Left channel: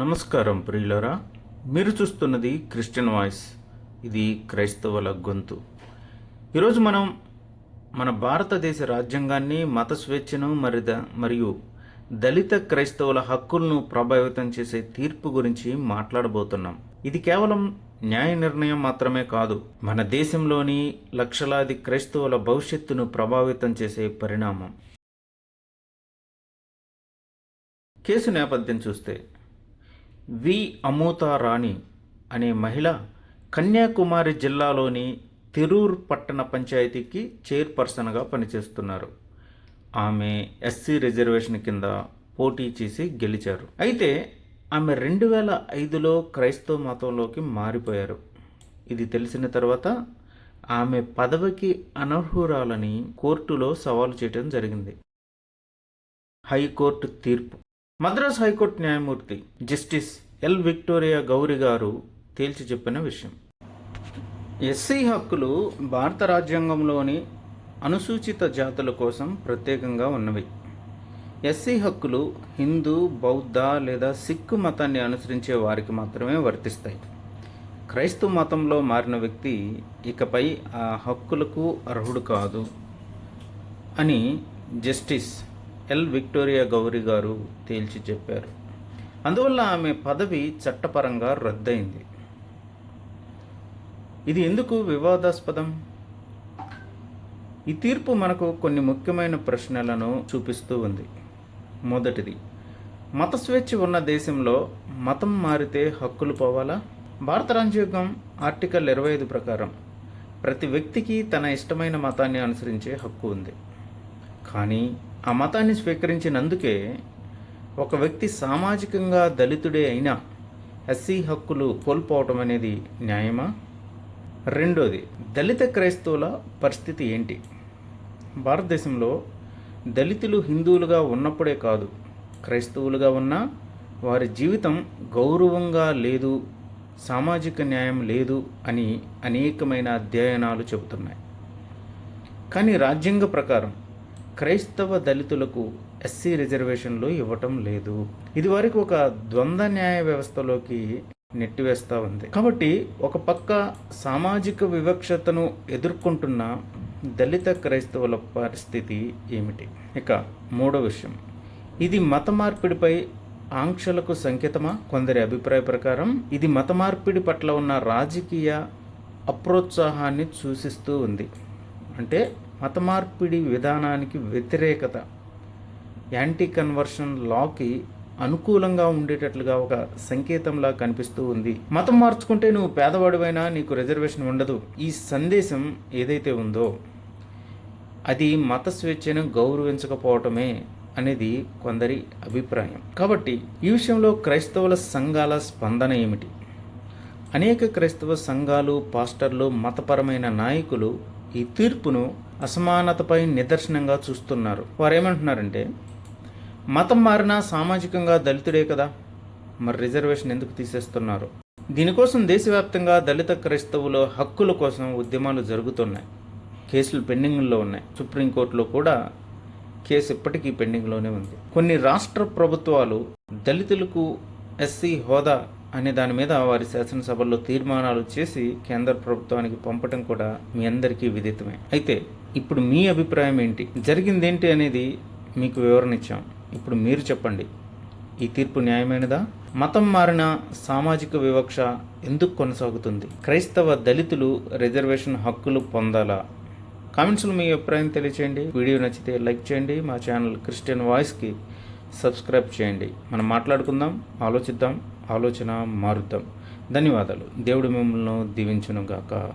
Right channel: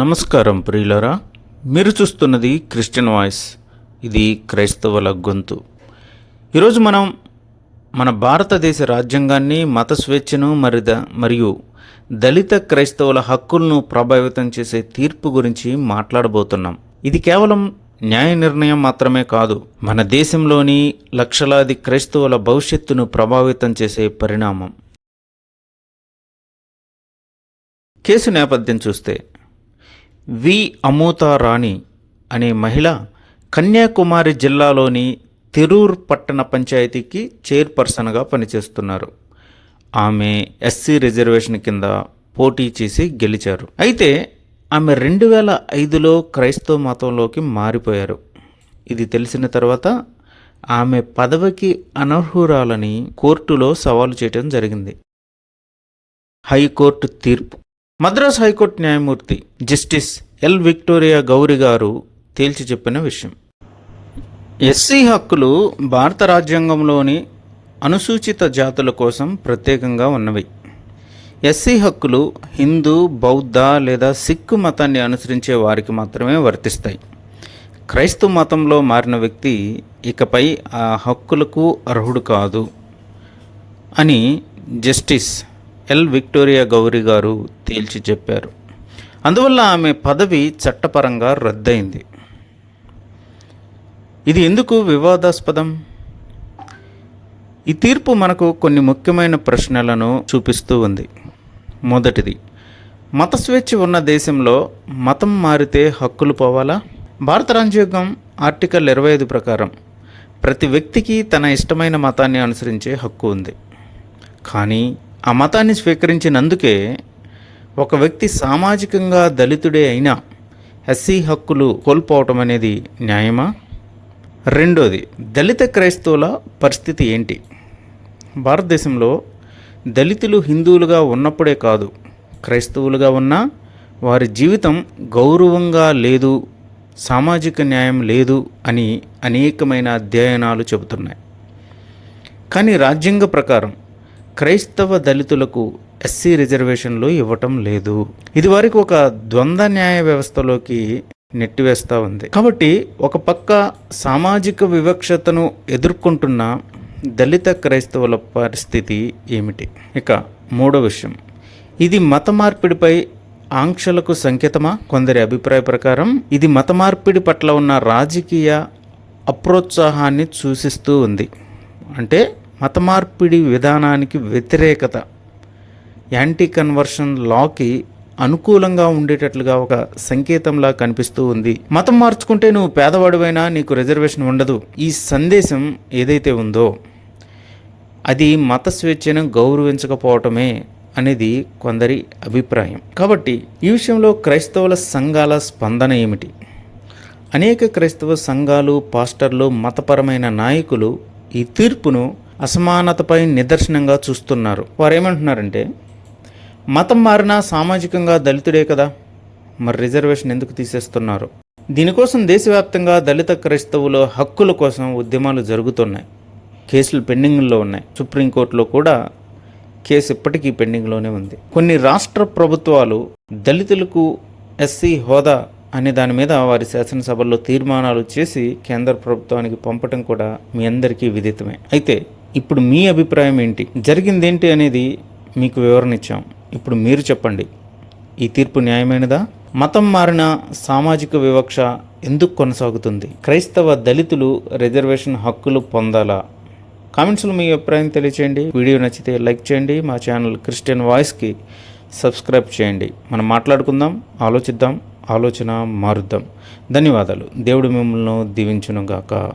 నమస్కారం ప్రియులరా మీరు చూస్తున్నది క్రిస్టియన్ వాయిస్ ఇది క్రైస్తవుల గొంతు. ఈరోజు మనం మన భారతదేశ రాజ్యాంగాన్ని మత స్వేచ్ఛను మరిద మరియు దళిత క్రైస్తవుల హక్కులను ప్రభావితం చేసే తీర్పు గురించి మాట్లాడబోతున్నాం. ఇది కేవలం న్యాయ నిర్ణయం మాత్రమే కాదు మన దేశంలోని లక్షలాది క్రైస్తవుల భవిష్యత్తును ప్రభావితం చేసే పరిణామం. కేసు నేపథ్యం చూస్తే వి. అమూతారాణి అనే మహిళ కన్యాకుమారి జిల్లాలోని తిరూర్ పట్టణ పంచాయతీకి చైర్పర్సన్గా పనిచేస్తున్నారు. ఆమె ఎస్సీ రిజర్వేషన్ కింద పోటీ చేసి గెలిచారు. అయితే ఆమె రెండు వేల ఐదులో క్రైస్తవ మతంలోకి మారిపోయారు. ఇది తెలిసిన తర్వాత ఆమె పదవికి అనర్హురాలని కోర్టులో సవాలు చేయడం జరిగింది. హైకోర్టు తీర్పు మద్రాస్ హైకోర్టు న్యాయమూర్తి justice L Victoria Gowri garu తేల్చి చెప్పిన విషయం. ఎస్సీ హక్కులు భారత రాజ్యాంగంలోని అనుసూచిత జాతుల కోసం ప్రత్యేకంగా ఉన్నవి. ఎస్సీ హక్కులు హిందూ బౌద్ధ లేదా సిక్కు మతాన్ని అనుసరించే వారికి మాత్రమే వర్తిస్తాయి. క్రైస్తవ మతంలో మారిన వ్యక్తి ఇకపై ఆ హక్కులకు అర్హుడు కాదు అని justice L Victoria Gowri garu తేల్చి చెప్పారు. అందువల్ల ఆమె పదవి చట్టపరంగా రద్దయింది. ఇది ఎందుకు వివాదాస్పదం? ఈ తీర్పు మనకు కొన్ని ముఖ్యమైన ప్రశ్నలను చూపిస్తూ ఉంది. మొదటిది మత స్వేచ్ఛ ఉన్న దేశంలో మతం మారితే హక్కులు పోవాలా? భారత రాజ్యాంగం ఆర్టికల్ ఇరవై ఐదు ప్రకారం ప్రతి వ్యక్తికి తన ఇష్టమైన మతాన్ని అనుసరించే హక్కు ఉంది. కానీ ఆ మతాన్ని స్వీకరించినందుకే ఒక వ్యక్తి సామాజికంగా దళితుడే అయినా ఎస్సీ హక్కులు కోల్పోవటం అనేది న్యాయమా? రెండోది దళిత క్రైస్తవుల పరిస్థితి ఏంటి? భారతదేశంలో దళితులు హిందువులుగా ఉన్నప్పుడే కాదు క్రైస్తవులుగా ఉన్నా వారి జీవితం గౌరవంగా లేదు సామాజిక న్యాయం లేదు అని అనేకమైన అధ్యయనాలు చెబుతున్నాయి. కానీ రాజ్యాంగ ప్రకారం క్రైస్తవ దళితులకు ఎస్సీ రిజర్వేషన్లు ఇవ్వటం లేదు. ఇది వారికి ఒక ద్వంద్వ న్యాయ వ్యవస్థలోకి నెట్టివేస్తూ ఉంది. కాబట్టి ఒక పక్క సామాజిక వివక్షతను ఎదుర్కొంటున్న దళిత క్రైస్తవుల పరిస్థితి ఏమిటి? ఇక మూడో విషయం. ఇది మత మార్పిడిపై ఆంక్షలకు సంకేతమా? కొందరి అభిప్రాయ ప్రకారం ఇది మత మార్పిడి పట్ల ఉన్న రాజకీయ అప్రోత్సాహాన్ని సూచిస్తూ ఉంది. అంటే మత మార్పిడి విధానానికి వ్యతిరేకత యాంటీ కన్వర్షన్ లాకి అనుకూలంగా ఉండేటట్లుగా ఒక సంకేతంలా కనిపిస్తూ ఉంది. మతం మార్చుకుంటే నువ్వు పేదవాడివైనా నీకు రిజర్వేషన్ ఉండదు. ఈ సందేశం ఏదైతే ఉందో అది మత స్వేచ్ఛను గౌరవించకపోవటమే అనేది కొందరి అభిప్రాయం. కాబట్టి ఈ విషయంలో క్రైస్తవుల సంఘాల స్పందన ఏమిటి? అనేక క్రైస్తవ సంఘాలు పాస్టర్లు మతపరమైన నాయకులు ఈ తీర్పును అసమానతపై నిదర్శనంగా చూస్తున్నారు. వారు ఏమంటున్నారంటే మతం మారినా సామాజికంగా దళితుడే కదా మరి రిజర్వేషన్ ఎందుకు తీసేస్తున్నారు? దీనికోసం దేశవ్యాప్తంగా దళిత క్రైస్తవుల హక్కుల కోసం ఉద్యమాలు జరుగుతున్నాయి. కేసులు పెండింగ్లో ఉన్నాయి. సుప్రీంకోర్టులో కూడా కేసు ఇప్పటికీ పెండింగ్లోనే ఉంది. కొన్ని రాష్ట్ర ప్రభుత్వాలు దళితులకు ఎస్సీ హోదా అనే దాని మీద వారి శాసనసభల్లో తీర్మానాలు చేసి కేంద్ర ప్రభుత్వానికి పంపటం కూడా మీ అందరికీ విదితమే. అయితే ఇప్పుడు మీ అభిప్రాయం ఏంటి? జరిగింది ఏంటి అనేది మీకు వివరణ ఇచ్చాం. ఇప్పుడు మీరు చెప్పండి. ఈ తీర్పు న్యాయమైనదా? మతం మారిన సామాజిక వివక్ష ఎందుకు కొనసాగుతుంది? క్రైస్తవ దళితులు రిజర్వేషన్ హక్కులు పొందాలా? కామెంట్స్లో మీ అభిప్రాయం తెలియచేయండి. వీడియో నచ్చితే లైక్ చేయండి. మా ఛానల్ క్రిస్టియన్ వాయిస్కి సబ్స్క్రైబ్ చేయండి. మనం మాట్లాడుకుందాం ఆలోచిద్దాం ఆలోచన మారుద్దాం. ధన్యవాదాలు. దేవుడు మిమ్మల్ని దీవించునుగాక.